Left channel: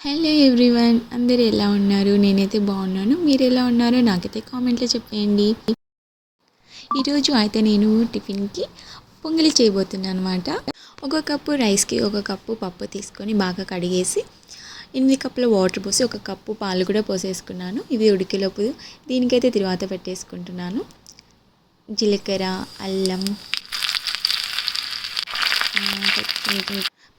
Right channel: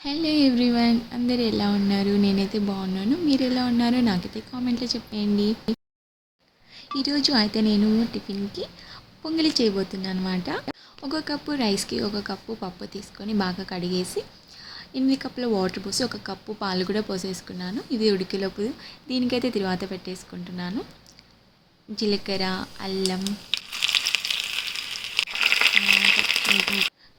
Hello everyone, అందరూ ఎలా ఉన్నారు? నేనైతే బాగున్నాను. మీరు ఎలా ఉన్నారో నాకైతే కామెంట్లో చెప్పేయండి. ఈరోజు అయితే నేను టిఫిన్కి పొంగలి చేయబోతున్నాను అనమాట. ఒక కప్పు రైస్కి ఒక కప్పు పప్పు తీసుకొని బాగా కడిగేసి 8 కప్పుల వాటర్ పోసి ఒక కప్పు పాలు కూడా పోసేసుకున్నాను. ఇవి ఉడికేలోపు దీనికైతే తిరువాత పెట్టేసుకుంటున్నాను. జీలకర్ర, అల్లం,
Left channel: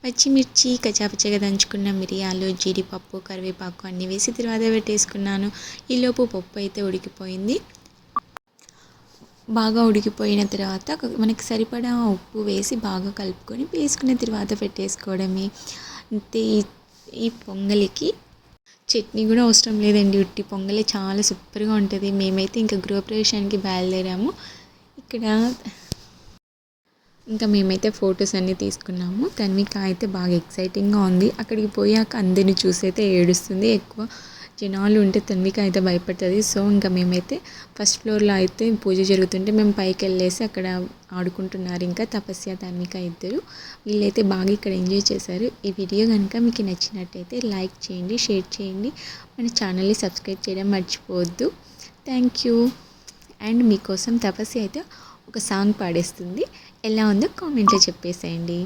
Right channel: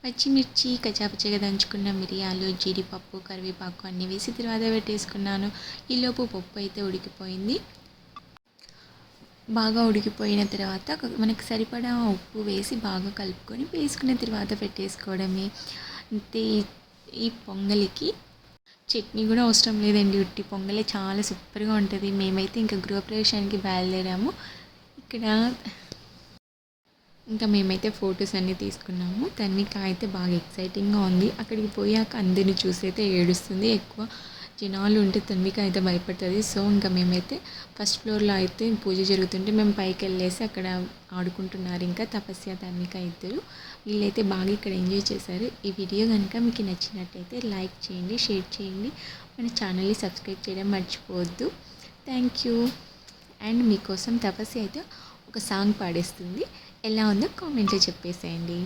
పచ్చిమిర్చి, కచ్చాపచ్చగా దంచుకున్న మిరియాలు, జీడిపప్పు, కరివేపాకు అన్నీ వేసి తర్వాత పెట్టేసుకున్నాను. ఈలోపు పప్పు అయితే ఉడికిపోయింది. బాగా ఉడికిపోయిన తర్వాత మనకి సరిపడా ఉప్పు వేసి బాగా కలుపుకొని వేసుకున్న తర్వాత పెట్టేసుకోవడమే. అంతే. ఈ పొంగలికి చట్నీ కూడా అవసరం లేదండి, ఉట్టి పొంగలే చాలా సూపర్గా ఉంటుంది. మేమైతే ఇంకా గృహప్రవేశానికి బయలుదేరాము. ఇక్కడ ఇంకా మేమైతే ఫొటోస్ అన్నీ తీసుకున్నాము. తన్విక అయితే బాగా ఎక్సైటింగ్గా ఉంది. అక్కడికి పోయాక అందరిని చూసైతే ఏడుస్తుంది. ఎక్కువ జనాలు ఉంటే తన్విక అయితే భయపడుతుంది. సో ఇంకా మేమైతే ఫస్ట్ ఫ్లోర్లో అయితే పూజ జరుగుతుంటే మేము పైకి వెళ్ళేసి అక్కడ ఆడుకుంటున్నారు. ఇంకా తపస్య, తన్విక ఇద్దరు. వీళ్ళైతే బాగా ఇక్కడ ఎంజాయ్ చేశారు. ఈ వీడియో కనుక మీకు నచ్చినట్టయితే లైక్ చేయండి, షేర్ చేయండి, మన ఛానల్ని సబ్స్క్రైబ్ చేయడం మర్చిపోవద్దు. Thank you. అండ్ మీకోసం తపస్య అయితే ఒక సాంగ్ పాడేస్తుంది. ఎలా ఉందో కామెంట్లో చెప్పేసేయండి.